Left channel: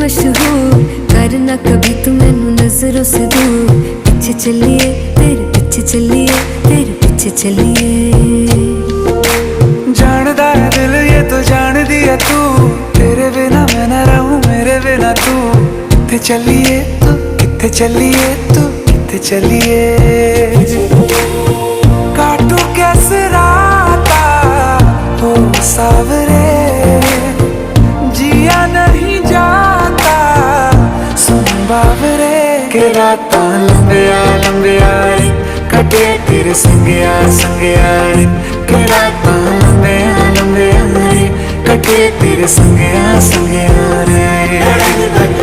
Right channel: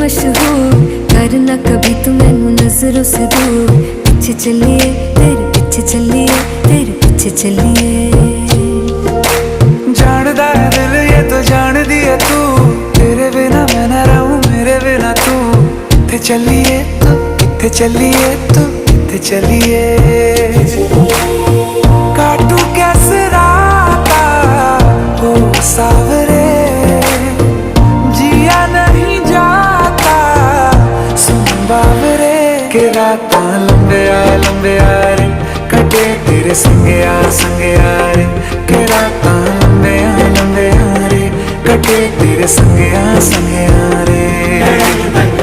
मशहूर, करना कभी तू मैनू नजरों से दूर। पीछे चलिए तेरे पीछे चलिए, तेरे पीछे चलिए। जानदा है दिल ये तो जान दिया तू, तेरे बिना मैं ना रहूं मेरे बिना तू। किथे चलिए तू, किथे चलिए तू, किथे चलिए। काटू कैसे राता हो सावरे, जिया नहीं जाता सुन बावरे। के रातां लंबिया लंबिया रे, कटे तेरे संगया संगया रे। के रातां लंबिया लंबिया रे, कटे तेरे संगया संगया रे।